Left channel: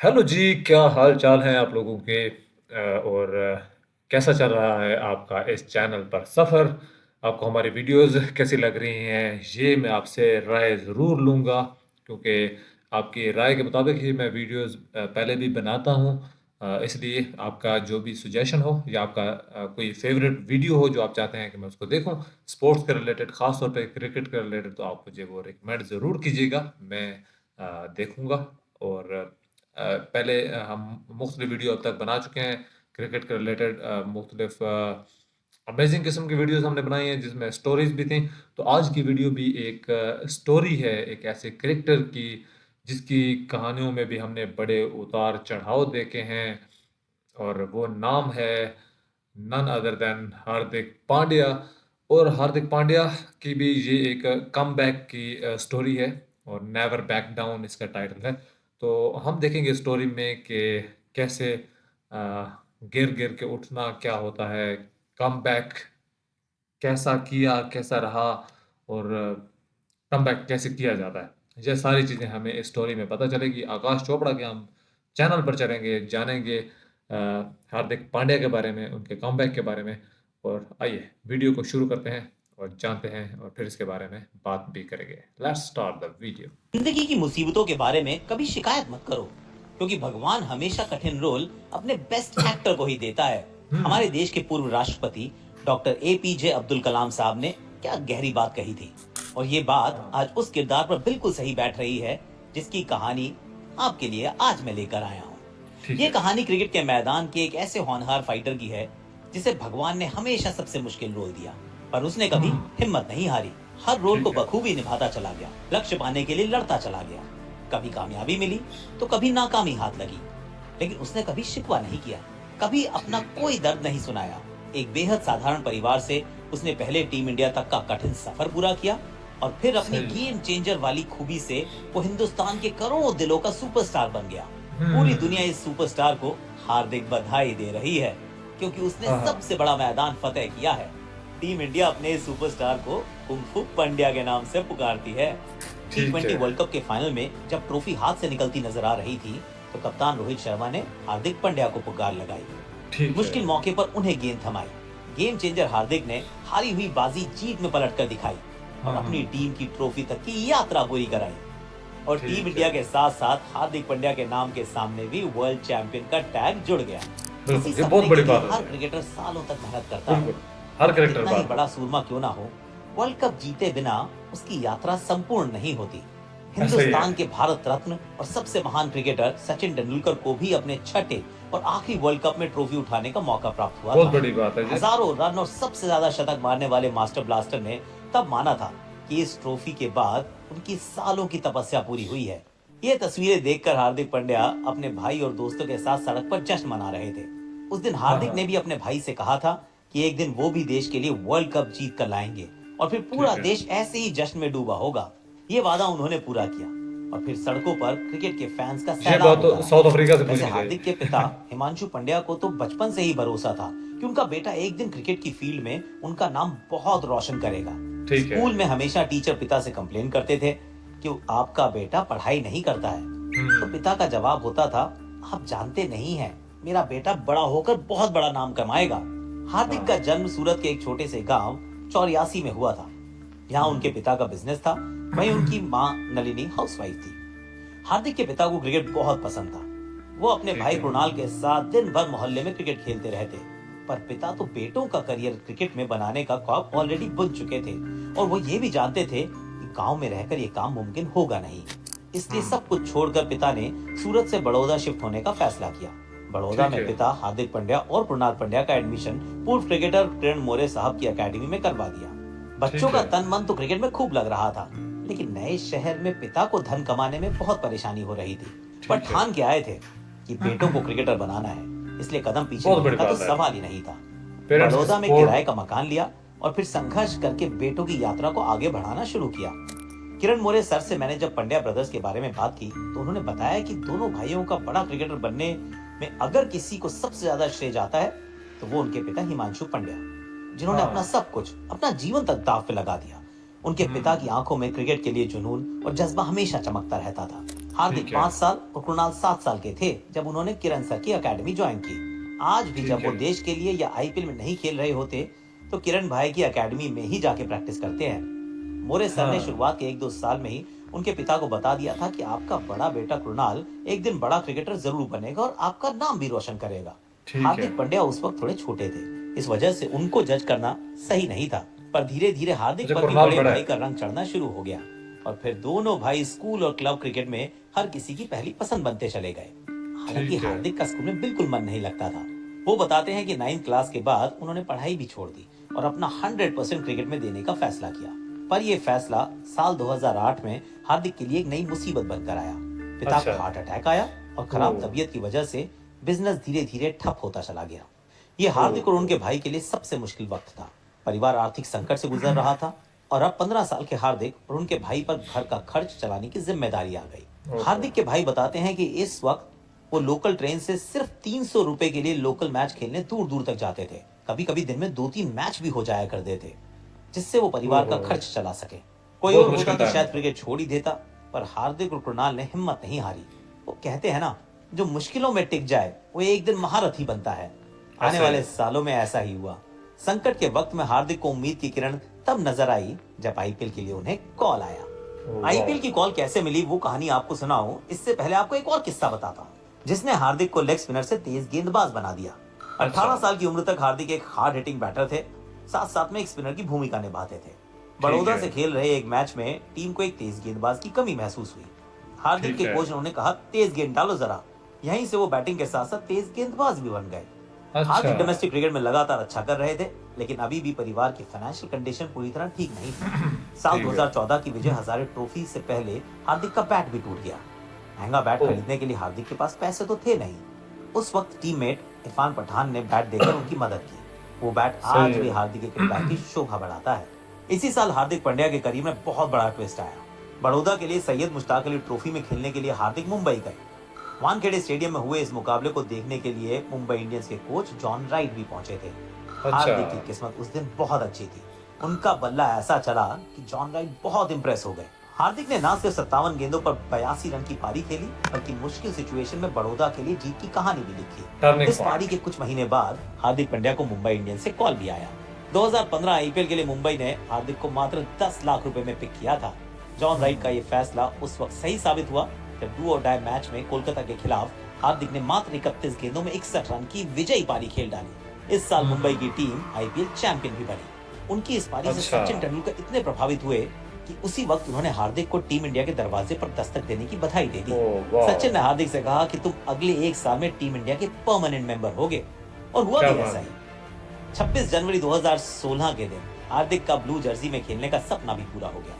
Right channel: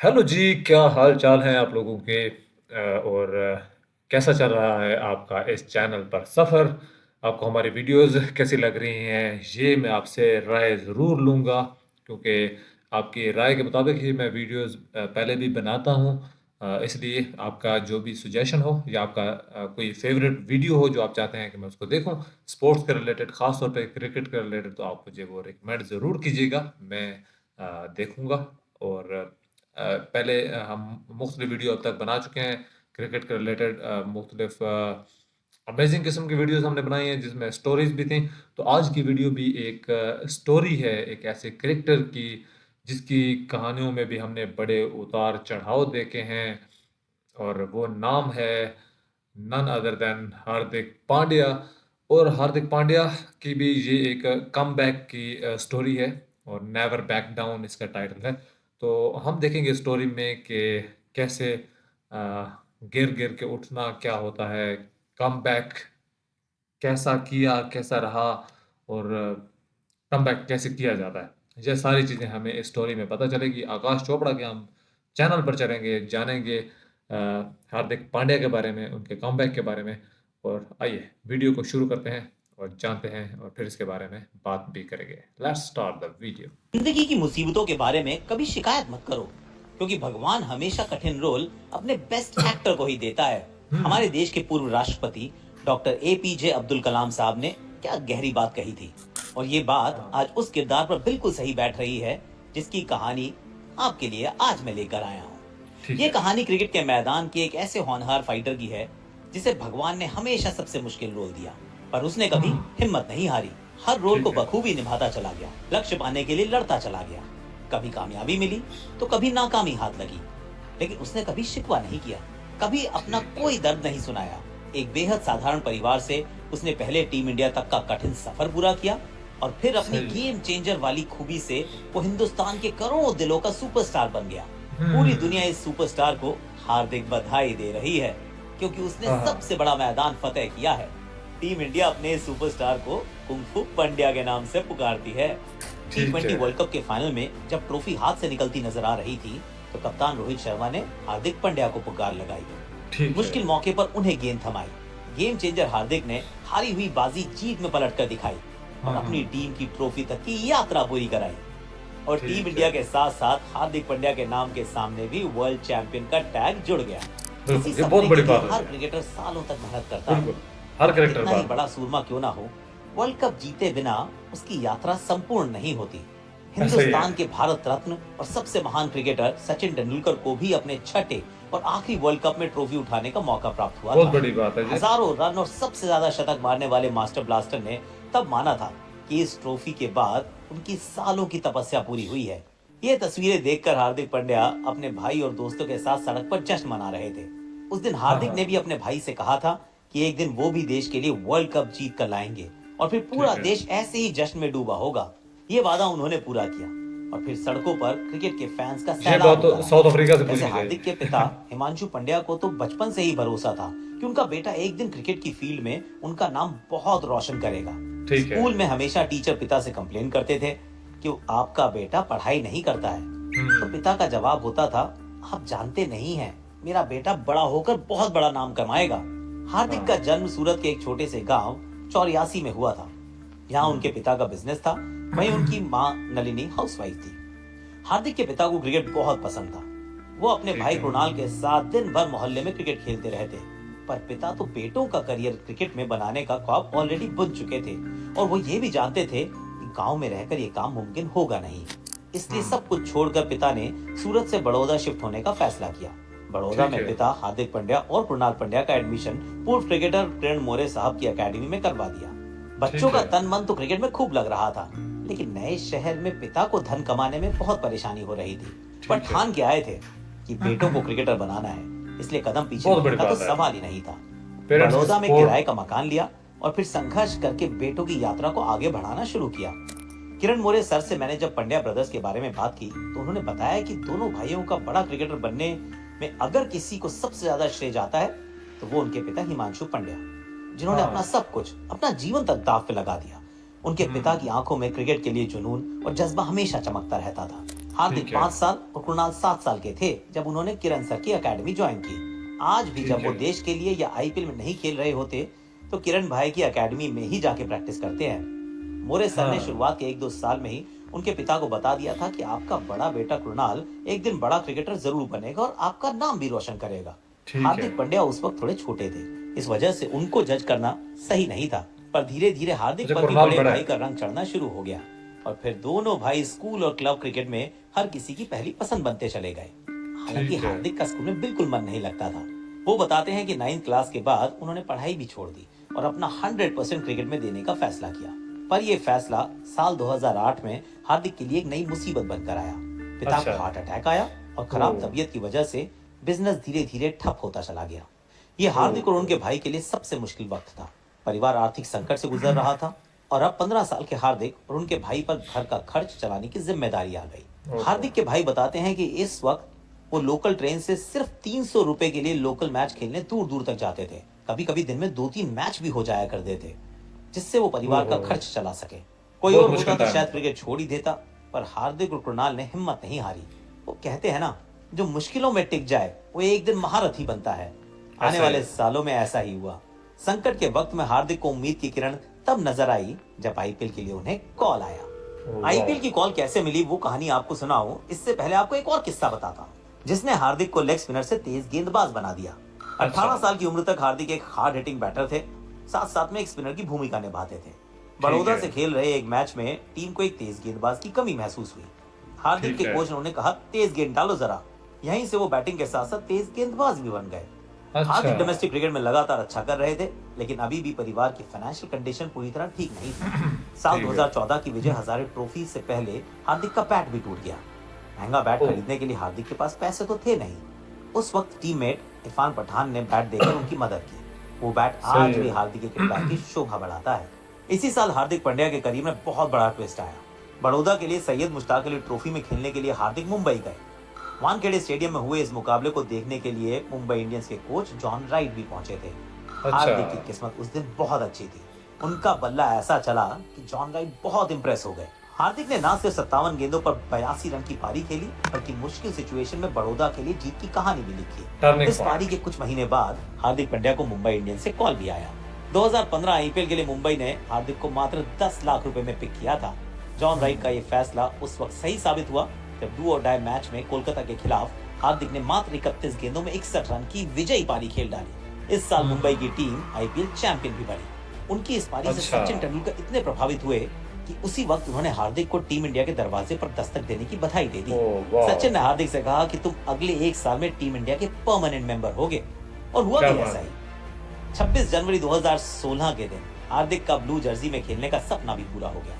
Hello जी, क्या हाल चाल हैं आप लोगों के और कैसा चल रहा है आपका इस चैनल पर सफ़र? आपको हमारी वीडियोज़ कैसी लग रही हैं? ये मैं आपसे राय ज़रूर लूँगा क्योंकि आपकी राय के मुताबिक ही मैं वीडियोज़ पहले भी बनाता हूँ। इसलिए आपका जो भी सजेशन हो या आपका कोई फ़ेवरेट वीडियो हो जो आप चाहते हैं कि मैं उसको देखूँ, स्पोर्ट्स के रिलेटेड ख़ास तौर पे क्रिकेट के रिलेटेड तो आप मुझे वो रिकमेंड ज़रूर कीजिएगा। मैं देखूँगा और पहले हम मुख्तलिफ वीडियो अब तक बना चुके हैं क्रिकेट के रिलेटेड मुख्तलिफ अमेजिंग किस्म की वीडियोस हमने बनाई हैं जिसमें स्टोरीज भी थी। तो आज की वीडियो भी एक स्टोरी है एक ऐसे क्रिकेटर की जिसकी कहानियों में भी हमने बड़े उतार चढ़ाव देखे हैं और वो नाम है none other than Hardik Pandya. और हार्दिक पांड्या की भी ये एक कमबैक की स्टोरी है और नेवर बैक डाउन इसका टाइटल है। तो हम देखेंगे स्टोरी में कि कैसे गिर गिर के उठना क्या होता है, कमबैक कैसा किया, कैसा रहा और कमबैक कैसे किया जाता है। ये सारी चीज़ें हमें इस स्टोरी में पता चलेगी। आकाश चोपड़ा के हम चैनल पर चलेंगे, जानेंगे हार्दिक पांड्या के बारे में, उनके कमबैक के बारे में। और आइए वीडियो को शुरू करते हैं और जानते हैं और फिर इसके बारे में बात भी करेंगे। Let's start the video. जिंदगी की मुसीबतों के बारे में कभी शिकायत मत करो, क्योंकि भगवान हमेशा कठिन रोल अपने बेस्ट एक्टर को ही देता है। हमारे देश के पूर्व राष्ट्रपति डॉक्टर एपीजे अब्दुल कलाम साहब ने क्या गहरी बात कही थी, और ये बात आज उस किरदार पर बिल्कुल सही बैठ रही है जिसकी कहानी आपके लिए आज मैं लेकर आया हूँ। ठीक ये है। कहानी क्रिकेट के मैदान के एक ऐसे होनहार फाइटर की है जिसे भगवान ने हमेशा सबसे मुश्किल रोल दिया, पर उसने कभी हिम्मत नहीं हारी। हर रोल को ठीक है। बखूबी निभाता चला गया, लक्ष्य पाने के लिए लड़ता चला गया। कभी कामयाबी मिली तो कभी नाकामी हाथ लगी, लेकिन उसने कभी शिकवा नहीं किया, कभी अपना ठीक है। कोई दर्द नहीं सुनाया। एक बेहद साधारण परिवार से उसने पहले टीम इंडिया तक का कठिन सफर पूरा किया, और फिर अपनी सही। गेम चेंजर वाली खूबी से वो हिंदुस्तान के करोड़ों दिलों का सुपरस्टार बन गया। पूरी दुनिया हम्म। इस सुपरस्टार को हार्दिक बधाई दे रही है, क्योंकि उसने हाँ हाँ। सबसे बड़ा मैदान फतेह किया है। टीम इंडिया अपने इस सुपरस्टार को कुंफू पंड्या के नाम से पुकारती है। टी ठीक 20 है। वर्ल्ड कप के फाइनल में जब ट्रॉफी हाथ से निकलती नजर आ रही थी, तो कप्तान रोहित शर्मा ने हार्दिक पांड्या को पुकार लगाई। ठीक है। मुश्किल मौके पर उन्हें गेंद थमाई। गेम चेंजर हार्दिक ने हारी हुई बाजी जीत में पलट कर दिखाई और हाँ अपनी हाँ। टीम की ट्रॉफी तक की यात्रा पूरी कराई। और टीम ठीक इंडिया है। के साथ साथ हार्दिक पांड्या के नाम के सामने भी वर्ल्ड चैंपियन का टैग जुड़ गया। इसी बिल्कुल, ये बहुत सपने के बड़ी लिए बात हर है ये। क्रिकेटर सालों तक मेहनत करता है। बिल्कुल, हर वो कैरेक्टर कितना ही बात है। बड़ा सूरमा क्यों ना हो, वर्ल्ड कप जीते बिना उसकी यात्रा संपूर्ण नहीं होती। ऐसा ही है। हिंदुस्तान के भारत रत्न और सबसे महान क्रिकेटर सचिन तेंदुलकर को भी अपने छठे और आखिरी वर्ल्ड कप में ट्रॉफी उठाने का मौका प्राप्त हुआ बहुत था। बड़ी बात है जी। हजारों रन और सबसे ज्यादा शतक मारने वाले मास्टर ब्लास्टर ने तब माना था कि इस ट्रॉफी के बाद उनकी सालों की तपस्या पूरी हुई है। ये तस्वीरें देखकर हार्दिक पांड्या अपने भाई और दोस्तों के साथ सड़क पर जश्न मना रहे थे। उस दिन हाँ, हार्दिक ने भी हाँ। अपने भाई से कहा था कि एक दिन वो भी देश के लिए वर्ल्ड कप जीत कर लाएंगे, और फिर पूरा ठीक है। देश ऐसे ही जश्न में डूबा होगा। ये वादा उन्होंने पूरा किया, और फिर सड़कों पर क्रिकेट के फैंस का ये सैलाब बात होता तो रहा। साउथ अफ्रीका से वैसे पूछनी हार्दिक के पिता चाहिए। हिमांशु पंड्या को तो बचपन से ही भरोसा था कि उनका बेटा एक दिन क्रिकेट की फील्ड में उनका नाम बहुत रोशन करेगा। ठीक है। स्कूल में हमेशा टीचर पिता से कंप्लेन करते थे कि आपका बेटा पढ़ाई नहीं करता है, तो हुँ। पिता का जवाब होता था, आप जानते नहीं हैं, मेरा बेटा बड़ा होकर बहुत बड़ा नाम कमाएगा। हार्दिक का हाँ। जन्म सूरत के एक छोटे से गांव 84 में हुआ था। यहाँ उनके हुँ। पिता का बिजनेस था, वहीं उनकी माँ नलिनी हाउसवाइफ थी। हार्दिक के पिता को क्रिकेट बहुत पसंद था। वो अपने ठीक भाई है। कृणाल के साथ दिन भर मोहल्ले में क्रिकेट खेलते रहते, पर पिता तो बेटों का करियर क्रिकेट में बनाने का ख्वाब ऑलरेडी बुन चुके थे, और वो ये भी जानते थे कि गांव में रहकर ये काम मुमकिन होगा नहीं। इसलिए हुँ। सब कुछ छोड़कर पिता ने सूरत से बड़ौदा शिफ्ट होने का फैसला किया। बड़ौदा ठीक में है। पिता हार्दिक पांड्या और कृणाल पांड्या का एडमिशन पूर्व क्रिकेटर किरण मोरे साहब की एकेडमी में करवा दिया। बच्चों ठीक का है। तन मन तो क्रिकेट में खूब लग रहा था, लेकिन नए शहर में पिता को धन कमाने में बहुत परेशानी हो रही थी। पर ठीक है। ठान के आए थे कि बेटों को क्रिकेटर बनाना है, इसलिए कदम पीछे बहुत होने बड़ी का तो बात है। सवाल ही नहीं था। पेरेंट्स की बड़ौदा में किराए सपोर्ट। का मकान लिया और फिर संघर्ष करके बेटों की यात्रा को आगे बढ़ाना शुरू किया। किरण मोरे सर से मैंने जब पंड्या ब्रदर्स के बारे में बात की, तो उन्होंने बताया कि दोनों भाइयों का बड़ा क्रिकेटर बनने में अगर किसी को सबसे ज्यादा श्रेय जाता है, तो वो उनके पिता हिमांशु पंड्या, जिन्होंने अपना हाँ। सब कुछ, अपना जीवन तक दांव पे लगा दिया। उनके पिता की हुँ। आंखों में क्रिकेट के लिए जुनून और जज्बा हमेशा चमकता रहता था। हार्दिक ठीक है, 5 साल और कृणाल 7 साल के थे जब उन्होंने किरण सर की एकेडमी ज्वाइन की। आज भी ठीक जब वो है। देश के लिए या आईपीएल में नहीं खेल रहे होते तो किरण भाई की एकेडमी में ही जाके प्रैक्टिस करते हैं। मोरे सर ने हाँ, शुरुआत के 1-2 साल में ही उनके पिता को बता दिया था कि आपका बड़ा बेटा कृणाल एक दिन बड़ा क्रिकेटर जरूर बनेगा और आपका नाम भी रोशन करेगा। ठीक है। हार्दिक पांड्या उस वक्त थोड़े छोटे थे, इस वजह से उनको जज करना सही नहीं था। पर धीरे धीरे हार्दिक अच्छा, पर भी कुणाल बड़े बड़ा भाई है। का रंग चढ़ना शुरू हो गया और फिर दोनों भाई स्कूल और क्लब क्रिकेट में हर किसी की पहली पसंद बनते चले गए। हालांकि ठीक है। हार्दिक का स्कूल में बिल्कुल मन नहीं लगता था। वो बताते हैं कि 9th क्लास के बाद उन्होंने पढ़ाई भी छोड़ दी और अपना 100% क्रिकेट में देने का फैसला किया। पर यह फैसला साल 2008 में हार्दिक के लिए एक नई मुसीबत बनकर आया। पिता अच्छा। को हार्ट अटैक आया और खराब ओह! तबीयत की वजह से बिजनेस धीरे धीरे ठप होता चला गया। ये ओह! हार्दिक और उनके ओह! भाई के लिए सबसे मुश्किल वक्त था। परिवार आर्थिक संकट से गुजर रहा था और अब 15 साल के हार्दिक और उनके भाई पर घर का खर्च चलाने की जिम्मेदारी आ गई। ओहो! हार्दिक के भाई बताते हैं कि इस वक्त वो लोकल ट्रेन से सिर्फ 300 रुपए के लिए लोकल मैच खेलने दूर दूर तक जाते थे। कभी कभी दिन में 2-3 मैच भी हो जाया करते थे जिससे वो परिवार का ओहो! खर्च चला सके। कोई बहुत और होता मुश्किल तो टाइम शायद होता। क्रिकेट छोड़ ही देता, पर हार्दिक और कृणाल ने हिम्मत नहीं हारी। वो कहते हैं ना, जो मुश्किलों में टिक जाए वो एक दिन महारथ ही बनता है। आने ऐसा ही वाले है। सालों में ऐसा ही हुआ। संकट के वक्त में हार्दिक को उम्मीद की किरण तब नजर आई जब आईपीएल के लिए उन्हें कॉल आया। Oh wow! आईपीएल की कॉल कैसे मिली वो कहानी आपको सुनाऊं, इससे पहले आपको एक और किस्सा बताता हूं जिसने हार्दिक को लेग स्पिनर से तेज गेंदबाज बना दिया। अच्छा, 18 साल की उम्र तक हार्दिक एक हार्ड हिटिंग बैटर थे, साथ साथ में एक स्पिनर की भूमिका निभाते थे। ठीक बड़ौदा है, से खेल रहे एक मैच में टीम को एक तेज गेंदबाज की कमी महसूस हुई। हार्दिक ठीक के है। कोच ने उन्हें कहा, तेज गेंद डालो जरा। यहीं से वो बैटिंग के साथ साथ तेज गेंदबाज भी बन गए। अच्छा। हार्दिक डोमेस्टिक क्रिकेट में लगातार अच्छा कर रहे थे, लेकिन अभी भी परिवार की फाइनेंशियल कंडीशन पूरी तरह ठीक नहीं थी। साल ठीक है। 2014 की विजय हजारे ट्रॉफी से पहले हार्दिक का बैट भी टूट गया। महंगा बैट ओह! खरीदने के लिए हार्दिक के पास पैसे तो थे नहीं। उस वक्त टीममेट इरफान पठान ने बैट देकर उनकी मदद की। वो बैट सही आज भी है। हार्दिक के किरदार की शोभा बढ़ाता है। इसी साल हार्दिक पांड्या के करियर में बहुत बड़ा ट्विस्ट आया। बड़ौदा के लिए सैयद मुश्ताक अली ट्रॉफी में खेलने के लिए हार्दिक मुंबई गए। वानखेड़े स्टेडियम में हुए इस मुकाबले को देखने के लिए मुंबई इंडियंस के कोच जॉन राइट भी पहुंचे थे। अच्छा, हार्दिक की किस्मत उस दिन बहुत अच्छी थी। उनका बल्ला ऐसा चला कि जॉन राइट बहुत इंप्रेस हो गए। हार्दिक ने ना सिर्फ 57 गेंदों पर 82 रन की पारी खेली, बल्कि मुश्किल सिचुएशन में बड़ौदा के लिए जीत की कहानी भी लिखी। टर्निंग इस पारी पॉइंट। के कुछ महीने बाद हार्दिक पांड्या को मुंबई इंडियंस से कॉल भी आया। 2015 आईपीएल के लिए मुंबई ने हार्दिक को मात्र 10 लाख रुपए में पिक किया था। जॉन राइट का यह फैसला उस वक्त सही साबित हुआ जब डू और डाई मैच में कोलकाता के खिलाफ हार्दिक ने मात्र 31 गेंदों में 61 रन की विजयी पारी खेल डाली। इस साल मुंबई की टीम आईपीएल चैंपियन भी बनी। उनकी इस पारी से अच्छा। सचिन तेंदुलकर इतने प्रभावित हुए कि उसी वक्त उन्होंने हार्दिक को टीम इंडिया के दरवाजे पर दस्तक देने की बधाई दे दी। Oh wow! सचिन ने हार्दिक से कहा कि तुम अगले एक साल में टीम इंडिया के परमानेंट मेंबर होगे, और हुआ क्या भी बात ऐसा है। ही। 26 जनवरी 2016 के दिन हार्दिक का ब्लू जर्सी में खेलने का सपना भी पूरा हो गया।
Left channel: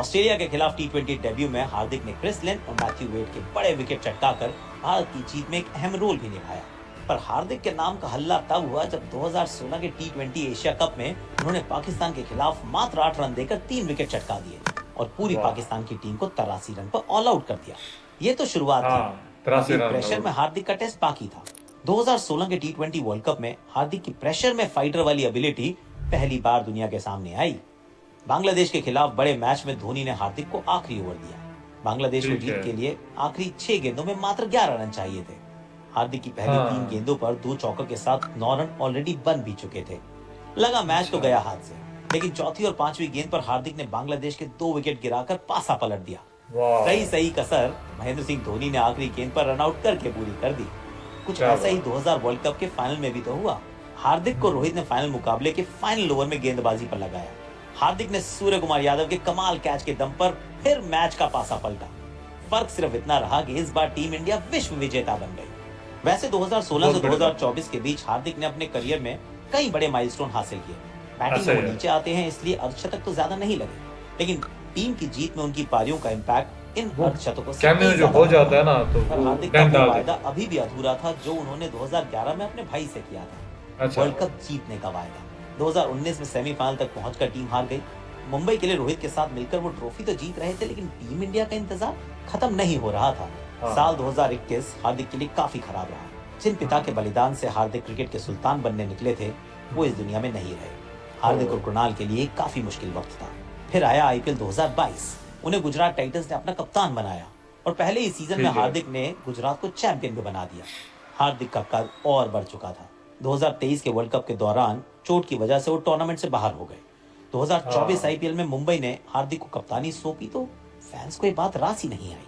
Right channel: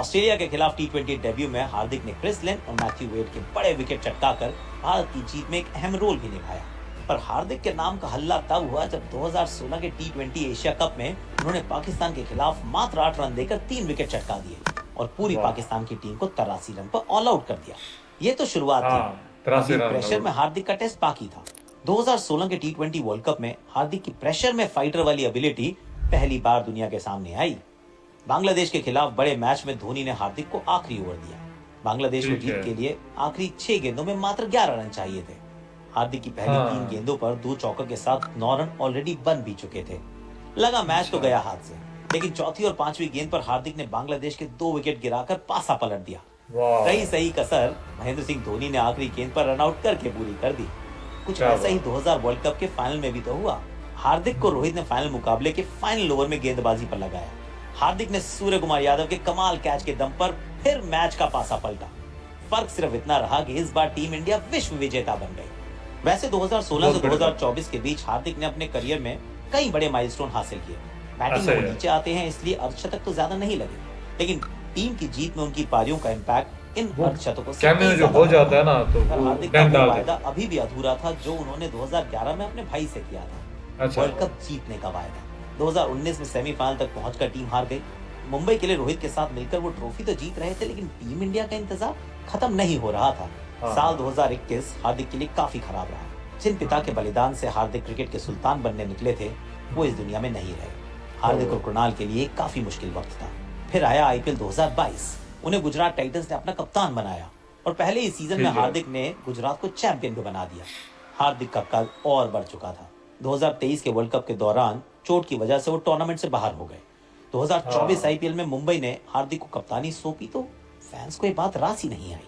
ऑस्ट्रेलिया के खिलाफ टी20 डेब्यू में हार्दिक ने क्रिस लिन और मैथ्यू वेड के बड़े विकेट चटकाकर भारत की जीत में एक अहम रोल भी निभाया। पर हार्दिक के नाम का हल्ला तब हुआ जब 2016 के टी20 एशिया कप में उन्होंने पाकिस्तान के खिलाफ मात्र 8 रन देकर 3 विकेट चटका दिए और पूरी वाह! पाकिस्तान की टीम को 83 रन पर ऑल आउट कर दिया। ये तो शुरुआत थी। हाँ, 83 लेकिन रन प्रेशर में आउट। हार्दिक का टेस्ट बाकी था। 2016 के टी20 वर्ल्ड कप में हार्दिक की प्रेशर में फाइटर वाली एबिलिटी पहली बार दुनिया के सामने आई। बांग्लादेश के खिलाफ बड़े मैच में धोनी ने हार्दिक को आखिरी ओवर दिया। बांग्लादेश को ठीक जीत है। के लिए आखिरी 6 गेंदों में मात्र 11 रन चाहिए थे। हार्दिक की पहली 3 हाँ, गेंदों पर 2 चौकों के साथ 9 रन ऑलरेडी बन भी चुके थे। लगा मैच तो अच्छा। गया हाथ से, लेकिन चौथी और पांचवी गेंद पर हार्दिक ने बांग्लादेश के 2 विकेट गिराकर पासा पलट दिया। वाह! रही सही कसर महेंद्र सिंह धोनी ने आखिरी गेंद पर रन आउट करके पूरी कर दी। कुछ क्या ऐसा ही बात। 2000 वर्ल्ड कप के फाइनल में भी तो हुआ। हार्दिक को रोहित ने फाइनल मुकाबले के फाइनल ओवर में गेंदबाजी पर लगाया। हार्दिक ने सूर्य कुमार यादव के कमाल कैच के दम पर फिर मैच का पासा पलटा। फर्क सिर्फ इतना रहा कि इस बार टीम इंडिया विश्व विजेता बन गई। वैसे 2016 बहुत से बड़ी बात। 2024 के बीच हार्दिक ने अपने करियर में कई बड़े माइलस्टोन हासिल किए। बैटिंग ऐसा में ही वो है। नीचे आते हैं इसलिए अर्धशतक तो ज्यादा नहीं लगे, लेकिन टीम की जीत में उनकी पारियों का इम्पैक्ट इन वो अर्धशतकों से कैमियो कहीं जो ज्यादा हो था। जाता है ना, तो पर वो हार्दिक का डेंट वो डाल वायदा देता अभी भी अधूरा था जो उन्होंने 2011 में अपने भाई से किया था, है। अच्छा, वर्ल्ड कप जीतने का वायदा। 2019 में सेमीफाइनल तक पहुंचकर टीम हार गई। मुंबई के लिए रोहित के साथ मिलकर वो ट्रॉफी तो जीत रहे थे, लेकिन टीम इंडिया का इंतजार खत्म नहीं हो रहा था। हाँ। साल 2021 हार्दिक के लिए काफी खराब रहा। जिन पिता के बलिदान से हार्दिक क्रिकेट के सुल्तान बनने निकले थे, वो इस दुनिया में नहीं रहे। हार्दिक और कृणाल के लिए काफी मुश्किल वक्त था। फिर आया आईपीएल 2022। उन्हें गुजरात टाइटंस ने अपना कप्तान बनाया। और पहले ही सीजन में ठीक है। हार्दिक ने गुजरात को चैंपियन भी बना दिया। हार्दिक का कद और बढ़ चुका था। 2023 के वर्ल्ड कप के दौरान चोट की वजह से वो टूर्नामेंट से बाहर हो गए। 2024 हाँ, आईपीएल में मुंबई ने हार्दिक को कप्तानी सौंपी तो फैंस को ये बात रास ही नहीं आई।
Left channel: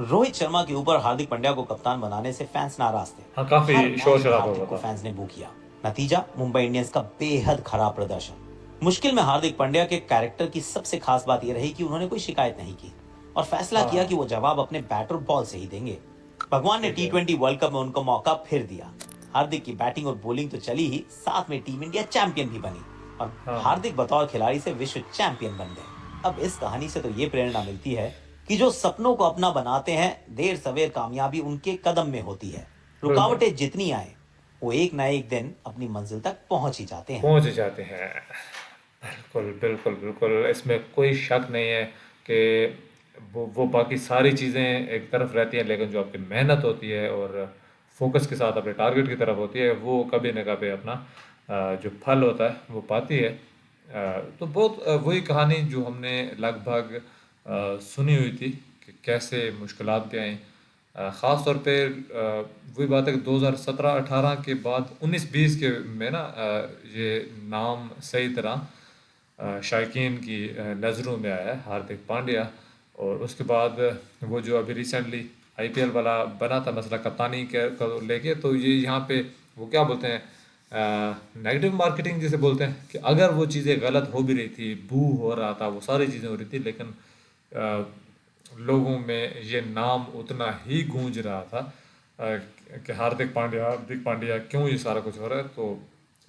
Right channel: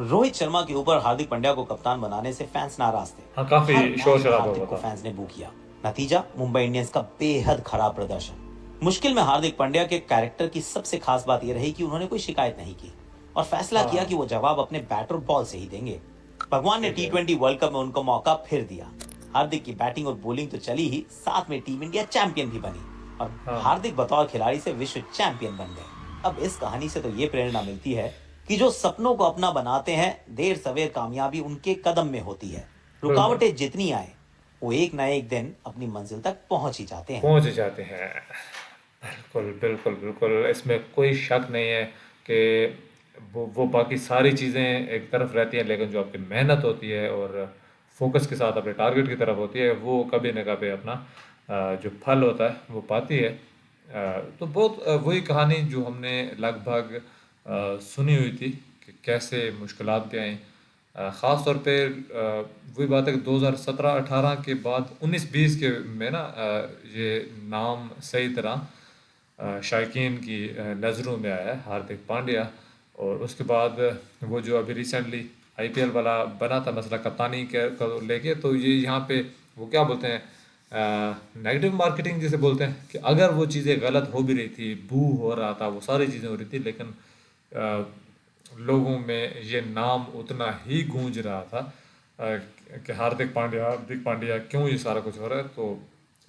रोहित शर्मा के ऊपर हार्दिक पांड्या को कप्तान बनाने से फैंस नाराज थे। हाँ, हर काफ़ी मैच में शोर-शराबा हार्दिक हुआ को था। फैंस ने बू किया। नतीजा मुंबई इंडियंस का बेहद खराब प्रदर्शन। मुश्किल में हार्दिक पांड्या के कैरेक्टर की सबसे खास बात यह रही कि उन्होंने कोई शिकायत नहीं की और फैसला किया कि हाँ, वो जवाब अपने बैट और बॉल से ही देंगे। भगवान ने ठीक है। टी20 वर्ल्ड कप में उनको मौका फिर दिया। हार्दिक की बैटिंग और बॉलिंग तो चली ही, साथ में टीम इंडिया चैंपियन भी बनी और हाँ, हार्दिक बतौर खिलाड़ी से विश्व चैंपियन बन गए। अब इस कहानी से तो ये प्रेरणा मिलती है कि जो सपनों को अपना बनाते हैं, देर सवेर कामयाबी उनके कदम में होती है। बिल्कुल, रुकावटें जितनी आए, वो एक ना एक दिन अपनी मंजिल तक पहुंच ही जाते हैं। पहुँच जाते हैं। बिल्कुल, बिल्कुल, बिल्कुल, इसमें कोई शक नहीं है कि वो बाकी सारी चीज़ें एक तरफ रहती हैं, लेकिन जो आपकी मेहनत होती है और फ़ोकस के साथ अपने टारगेट की तरफ होती है, वो कभी न कभी अपना जो फल होता है, वो पाती है। तो बहुत वही कहानी जो हमने लगभग सुनी हुई थी कि कैसे मुश्किलात भी आईं। ख़ास तौर पे वही बात है कि 2017-18 के बाद 19-20 के में ना ये नाम सही तरह शायकीन की नज़रों में आया है, हार्दिक पांड्या। और उसके बाद वो जो अभी रिसेंटली आईपीएल वाला बना था मसला कप्तानी के को लेके, तो ये यहाँ पे वो क्या बोलते हैं, नेगेटिव मार्केटिंग जिसे बोलते हैं, कि अगर वो चीज़ें गलत हो भी रही थी, बू हो रहा था, वो सारी चीज़ें हो रही थी, लेकिन अ, लोगों में ये नाम उतना ही गूंज रहा था कि हार्दिक पांड्या क्यों ये सारा कुछ हो रहा है। तो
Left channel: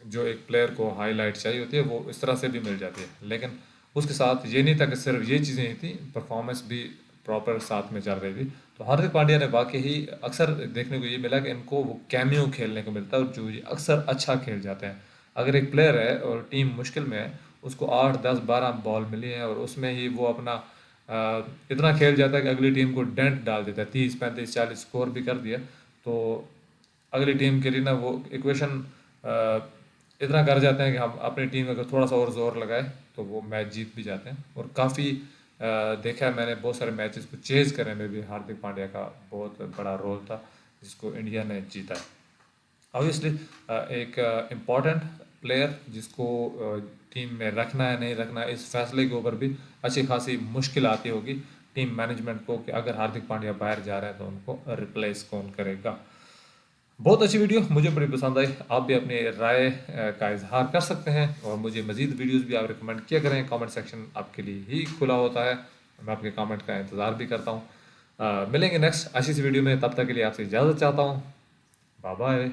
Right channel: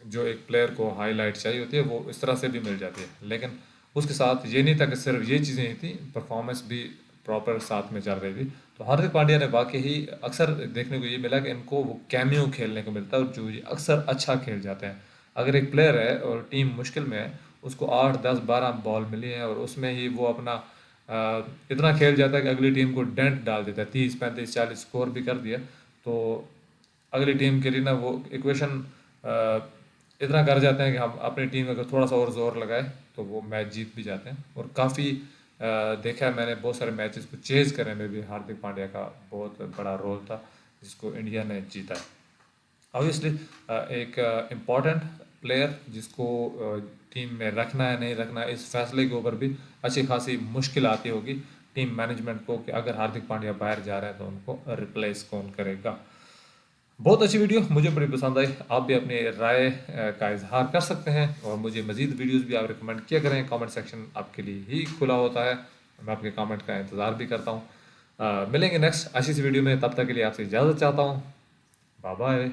जो एक प्लेयर को हाईलाइट चाहिए होती है वो इस तरह से भी मिल जाती है, लेकिन उसके साथ ये नहीं था कि सिर्फ ये चीज़ें ही थी, परफॉर्मेंस भी प्रॉपर साथ में चल रही थी। तो हार्दिक पांड्या ने वाकई ही अक्सर देखने को ये मिला कि इनको वो कैमियो खेलने को मिलता है, और जो ये अक्सर अच्छा खेल जाते हैं। अगर एक प्लेयर है और टीम मुश्किल में है, उसको 8 10 12 बॉल मिली हैं और उसमें ही वो अपना इतना खेल जाता है कि अगली टीम को डेंट डाल देता है, 30 35 40 स्कोर भी कर दिया। तो अगली टीम के लिए ना वो इक्वेशन इतना कर जाते हैं कि हम अपनी टीम में अगर थोड़ा सा और जोर लगाए तो वो मैच जीत भी जाते हैं। और काफ़ी देखा है मैंने, बहुत सारे मैचेस को चेज़ करने में भी हार्दिक पांड्या का बहुत बड़ा रोल था, जिसको इंडिया ने जीता है। ऑब्वियसली एक इम्पॉर्टेंट प्लेयर जिसको टीम में रखना है नहीं रखना है, इस फैसले के ऊपर भी अच्छी खासी मुश्किल आती होगी टीम मैनेजमेंट को, कि अगर हार्दिक पांड्या बाहर जा रहे हैं तो उनको रिप्लेस कौन करेगा। बहुत अच्छी वीडियो, मुझे बड़ी पसंद आई। आप भी अपनी राय का इजहार कर सकते हैं और मुझे मज़ीद वीडियोस भी आप रिकमेंड किया करें। कमेंट सेक्शन आपके लिए ही खुला होता है, मैं आपके कमेंट का इंतज़ार भी करता हूँ। मिलेंगे नेक्स्ट अच्छी सी वीडियो में, तब तक के लिए आपसे इजाज़त चाहता हूँ। Bye bye.